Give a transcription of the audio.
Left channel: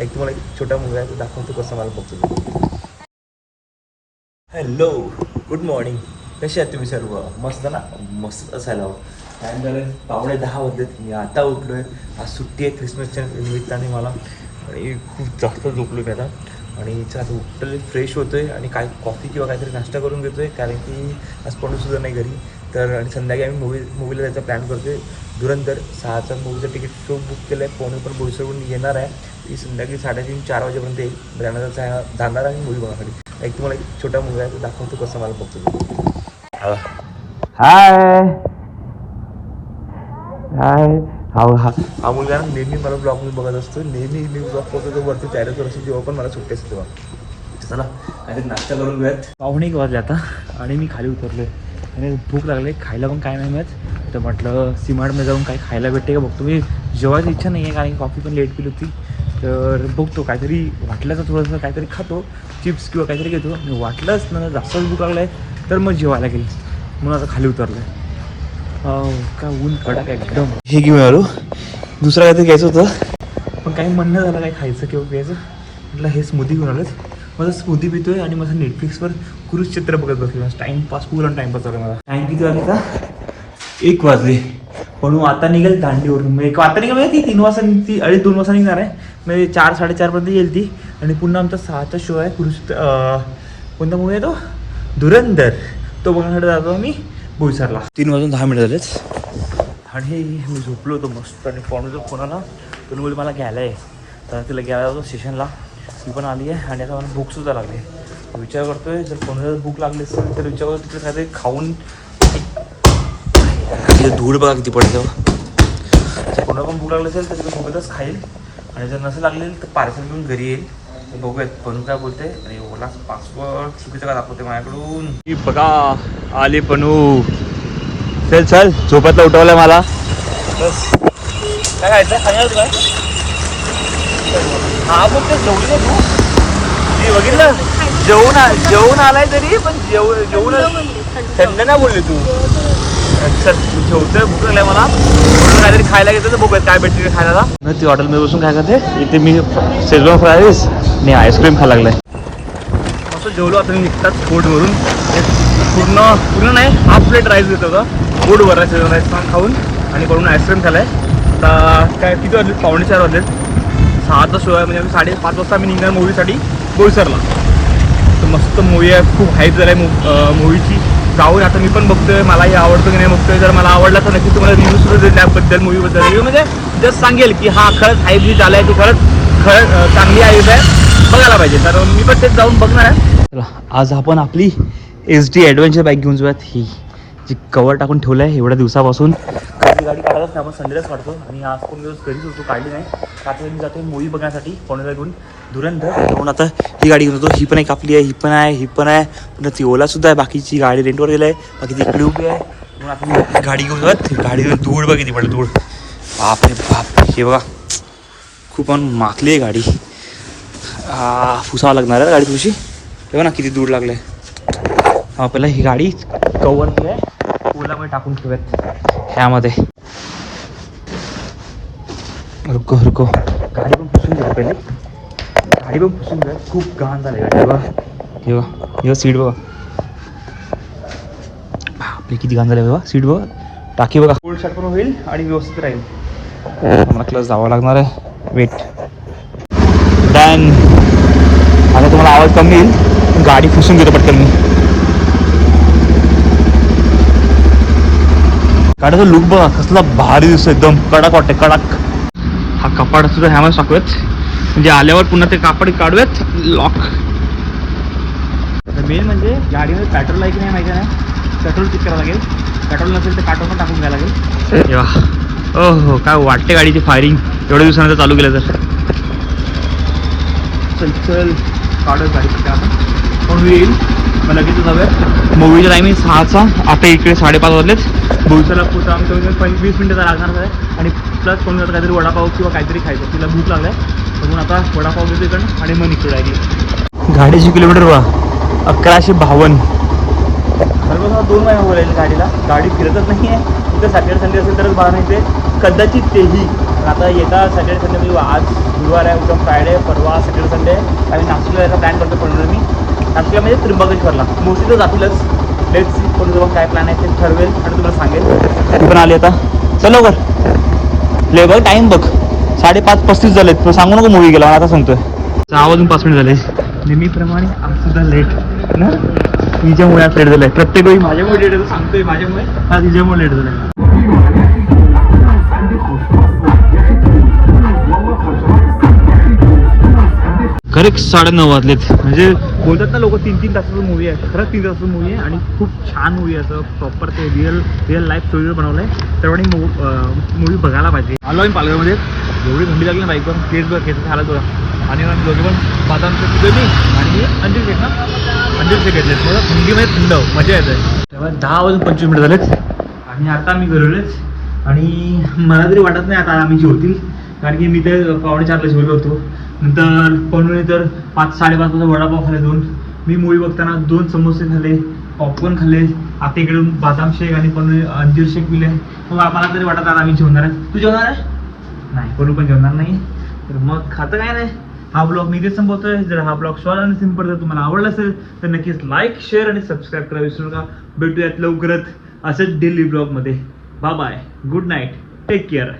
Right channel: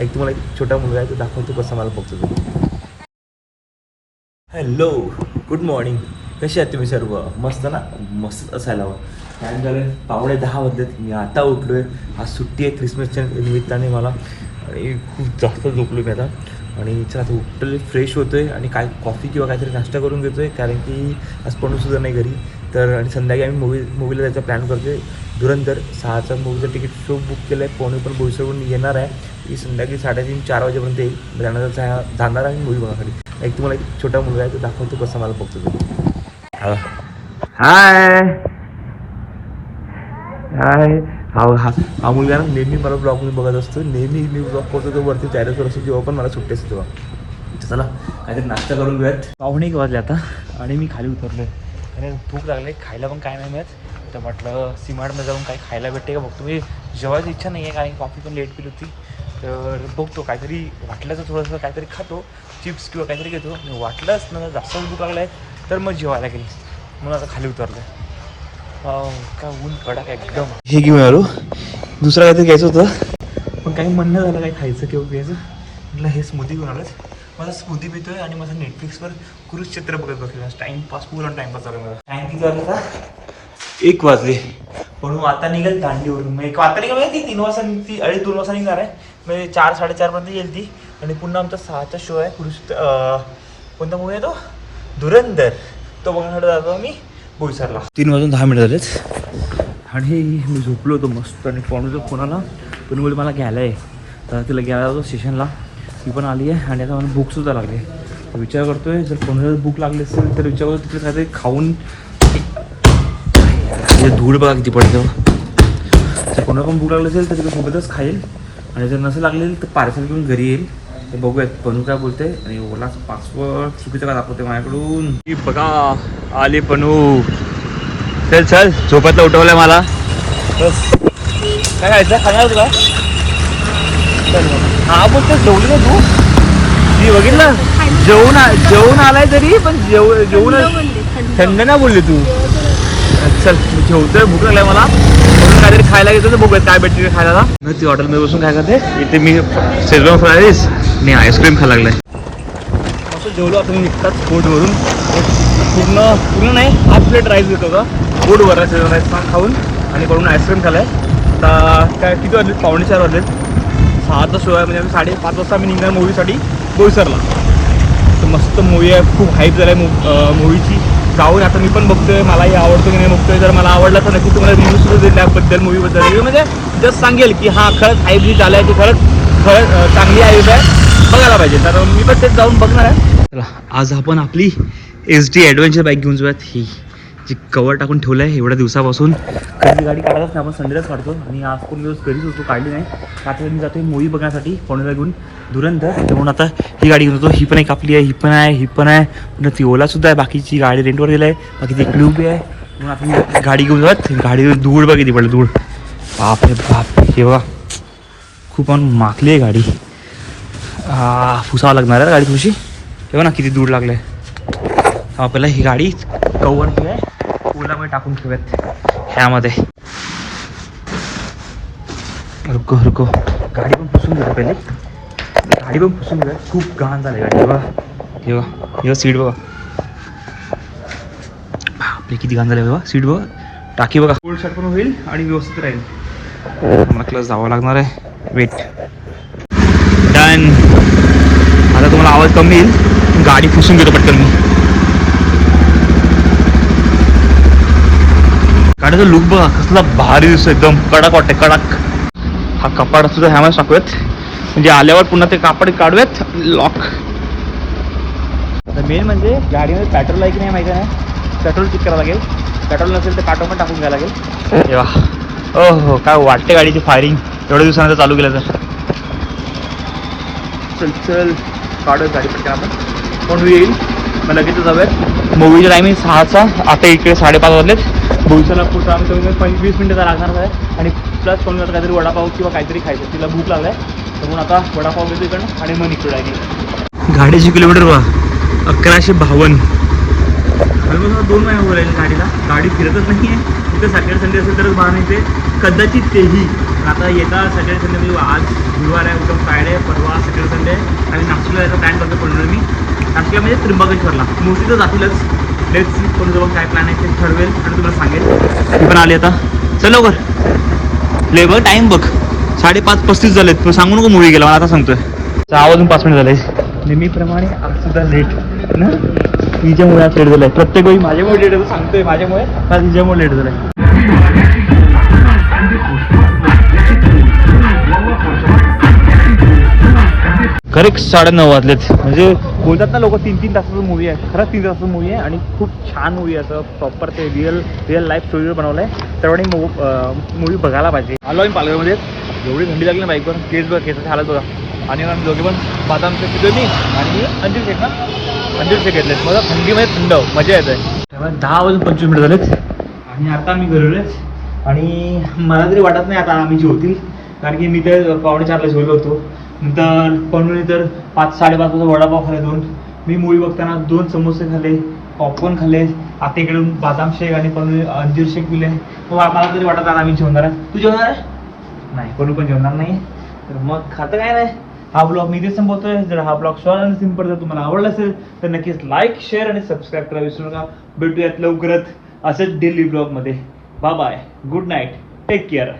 एक तुम्हाला एक छोटा मुलगा आहे तो दाखवतो कसं मला बघतो. Hello, good morning. कसे आहात तुम्ही सर्व? मस्त ना? मस्त असायला हवं. काय झालं, 9:15 वाजलेत. मी आता उठलो आहे. आज सुट्टी आहे क्रिसमसच्या निमित्ताने मला, आणि खूप जास्त झोपलो मी आता. आणि चला आता उठले, फ्रेश होतो आहे आणि काय कॉफी किंवा काहीतरी नाश्ता करून घेतो आहे, कारण की आज पणूसुद्धा नाही घरी. तर आणि संध्याकाळी आम्ही मूवीला जायचा प्लॅन करतो आहे. धुरंधर 6चा मूवीचं तिकीट शो बुक केलं आहे. पवनी पण बोईसरवरून येणार आहे. ती संध्याकाळी 3:30-4 वाजेपर्यंत येईल. जाणार जाणार आहे मूवी बघासाठी. एक तुम्हाला एक छोटा मुलगा आहे तो दाखवतो कसं मला बघतो. हाय हाय. हा मुलगा ना नेहमी मला ब्लॉगमध्ये बघत असतो. नेहमी मी ब्लॉग करतो तो वरती तयारीवर असतो, जेव्हा पण मला सुट्टी असते तेव्हा. चला काहीतरी नाश्ता करून घेऊयात. 1:15 वाजले आता आणि मी खाली उतरलो आहे आणि भूक लागली. खायला पण काय नाही मिळत, तर म्हटलं सीमार्टमध्ये जाऊन काही खायला भेटते का बघतो. मी जेवायची इच्छा नाही आहे, कारण कॉफी पण लेट पिली होती. तर बघतो काहीतरी वाटलं तर थोडंसं काहीतरी खातो, चिप्स किंवा काहीतरी घेतो. मी वाटलंच ना जास्त भूक लागलं आहे तर मग जेवायला गेली. मग आता खाली उतरलं आहे. काय ऊन कडक एकदम. हे घेऊन आलो. दुसरं काहीतरी घ्यायचं होतं पण काही म्हणणं झालं काही खायचं किंवा घ्यायचं. म्हटलं हे स्मूदी घेऊन आलोच. माझा स्मूदी पितोय आणि माझा नेटफ्लिक्सवर कुरुक्षेत्र बघत बसलो. टाइमपास, पूर्ण टाइमपास झाला मला. टाइम किती वाजता? 1 वाजले. पण आता निघेल दांडीवरून. मग आता निघेल ती 3 वाजता, ती 2:30 वाजता निघणार आहे. म्हणजे 4-4:30 पर्यंत येईल ती. आणि पुन्हा आमचा 6चा शो आहे. कोणता मूवी आहे तो? धुरंधर. तो बघण्यासाठी जातो आम्ही बोईसरला. 3:10 झालेच आणि मी झोपलो होतो मस्त. आणि पणूचा फोन आला, पण मुली मला घ्यायला आहे. तर तिला घ्यायला जातो स्टेशनला. ती पण आली आहे आणि आता मला भूकसुद्धा लागली आहे. विचार करतोय जर कोणाला भूक लागली असेल तर विचार करतो तिकडे काहीतरी खाऊन. धूळ बघा किती पडतं. जर कोणाला पण भूक लागली असेल तर तिकडे सोबतच खाईल, आणि जर नसेल लागलेली तर पार्सल घेऊन घरी येईल. तर बघूयात पनू काय बोलते. आणि ओला पासवर्ड चुकीचं का दाखवते माझ्याकडून. की बघा आले पनू. चल चल, झोपेतला उठवलंय मला. बस काय खायचं? खाणार तुला? हा बोलते जेवली नाही तू? मी बघितलं जेवून आलाय तरी पण जेवून थंड नाही बोलली तू. चल मी जेवतोय, भूक लागलाय मला. काहीतरी खायला घेतो तर बघूयात काय भेटते खायला. मी ती हॉटेलमध्ये बसून काय करते, इथे मी शेजवान फ्राईज आणि आईस्क्रीम खायला लागलाय. असं जेवलो आता मी निघतात पोटवरून. पूर्ण नाही, हाफ प्लेट राईस घेतो का पोट भरा शेजवान राईस खाऊन, आणि पडून आईस्क्रीम खालाय. आता काय किती वाजले? 4:45 वाजलेत. 6चा शो आहे, म्हणजे आम्ही 5:30 वाजता आम्ही निघणार मूवीसाठी बोईसरला. तर मस्त मूवी आहे, खूप हाईप झालं आहे मूवीची. जाऊन आता मी पण बघतोय, मलाही आवडतो की नाही बघतोय. जर मला आवडला तर नक्की तुम्हाला रिव्ह्यू देईल त्याबद्दल, मूवीबद्दल. रिव्ह्यू म्हणजे जस्ट सांगेल की हा खरंच हाईप जी झाला आहे, तो खरंच चांगली हाईप आहे, बघायला पाहिजे. तर मी पण तेच जाऊन बघणार आहे. चला आज आपण आपली SD ॲडव्हेंचर बाईक घेऊन जाऊयात. ही जी कवर टाकून ठेवलं आहे एवढ्या दिवसापासून. त्याची गाडी काढतच नाही, आपण संडेलाच काढतो. आणि आज पण दिवस घरीच होतो, काढली नाही. आता मी जातो मूवी बघण्यासाठी पवनीला घेऊन धुरंधर. म्हणून आता ही गाडी घेऊन होतो. ही पण एक आपली आहे, ही पण आहे. पुन्हा ती ओलासुद्धा आहे. बाकीची गाडी रेंटवर दिली आहे. बाकी ती क्ल्यूब आहे. म्हणून आपण गाडी घेऊन जात. गाडीवर धूळ बघ किती पडलं, धूळ. बापरे बाप, हे बघा खूप माखली आहे गाडी. पुसावं लागणार आहे गाडी थोडीशी. तेव्हा ना किती धूळ लागले. आपल्याला ही गाडी कवर आहे, ओलामध्ये टाकून ठेवूयात ह्यामध्ये. रुको गाडी पण पुसून घेऊ पहिले. गाडी पण पुसून घेऊया, खूप घाण झाली गाडी. बघा हे सीट बघा, आपली किती घाण झाली बघा. सीट बघा, टाकी बघा. फुल शर्ट पण होईल आणि व्यवस्थित राहील. मला क्लास जावं लागणार आहे. Wait done. आता तुम्हाला आवाज कमी येईल, गाडी पुसून घेतो पटकन मी. गाडीचा लुक बघा कसला भारी दिसतो, एकदम कडक वाटते, कडक. हा कपाड सुद्धा ह्यामध्ये टाकूयात, म्हणजे आल्यावर पुन्हा ते कापड काढूयात. लॉक. आता मेन म्हणजे गाडीमध्ये पेट्रोल आहे की नाही माहिती नाही, पेट्रोल चेक करायला लागेल. पेट्रोल नसेल तर पेट्रोल पण टाकून घ्यायला लागेल. तेव्हा हो काय वाटते गाडीची फायरिंग एवढ्या दिवसानंतर चालू केलं तर. चल काढू गाडी पटकन. आपण कोण येईल मग लगेच जाऊयात. मूवीचा टायमिंग 6चा. आता इकडे 5:30 वाजलेत. बोईसरला पुढचा आम्ही कमी 20 मिनिटं लागणार आहे. आणि प्लस कोणी आता काहीतरी वडापाव किंवा काहीतरी खायचं, तिला भूक लागलाय म्हणून आता वडापाव घेतो इकडनं आणि मग निघतो आहे. गाडीची किलोमीटर बघा 1152. मला 2 महिने बोलायचे गाडीला. गाडी फिरतच नाही आहे. तिथं सॅटर्डे संडे असेल तरच बाहेर नाही ते, कदाचित तेही तर आता येता सॅटर्डे संडे म्हणजे आज गुरुवार आहे, उद्या फ्रायडे, परवा सॅटर्डे संडे आणि नाशिकला यायचा प्लॅन करतो पडून मी. नाशिकला म्हणजे त्र्यंबकेश्वरला मोस्टली तर जातीलच. लेट्स सी कोणाजवळ काय प्लॅन आहे ते ठरवेल आणि तुम्हाला सांगेल. ती पण आली आता. चल लवकर ले बघ, टाईम बघ 5:35 झालेत. पण सांगू नको मूवी गेला, मला आता सांगतोय. 6 वाजून 5 मिनिट झाले. नेहमीप्रमाणे आज सुद्धा लेट ना, तिच्यामुळे आज लेट झालाय. प्रत्येक वेळी माझ्यामुळे लेट झालं सांगतोय, माझ्यामुळे का तिच्यामुळे लेट झालाय. खरंच 9:30 वाजलेत. म्हणजे बोलतात ना लोक 3-3 तासाचं मूवी आहे. खरंच 3 तासाचं मूवी आहे आणि खूप छान मूवी आहे. असं प्रॉपर ते रिअल लाईफ स्टोरीवर बनवलं आहे. सर्वांनी मूवी बघायला पाहिजे. आलो आहे पालघरमध्ये. एवढी थंडी लागली ना बाईक पण. केस बघा, केस हालत बघा. आणि आम्ही दोघे पण बादामचं तिथं मी आणि अंजीर शेक ना, अंजीर शेक घेतलेत. मला थंडीमध्ये थंड मजा येत आहे. तेव्हा 10 वाजून 25 मिनिट झालेत आणि आता मी घरलेच. आणि मला तरी वाटत नाही आता आम्ही जेवतील, कारण की मी तर 4:45ला जेवलो होतो. नंतर पाहुणे तर 5-5:30 वाजता वडापाव खाल्ले 2. मी मूवी बघताना 2 समोसे खाल्ले, पॉपकॉर्न खाल्ले. आता इकडून बादाम शेक आणि पनू अंजीर शेक पिले. तर मला तरी वाटत आता आम्ही जेवणार आहे. तू जेवणार आहे? नाही, पनू पण जेवणार नाही. तर मग खातं काय नाही. हा ब्लॉग मी इथे संपवतोय. जर हा ब्लॉग शॉर्ट आणि सिम्पल जर तुम्हाला आवडला असेल तर नक्कीच लाईक, शेअर आणि सबस्क्राईब करायला विसरू नका. भेटूयात लवकरच असेच डेली ब्लॉगमध्ये. Bye bye, good night, take care.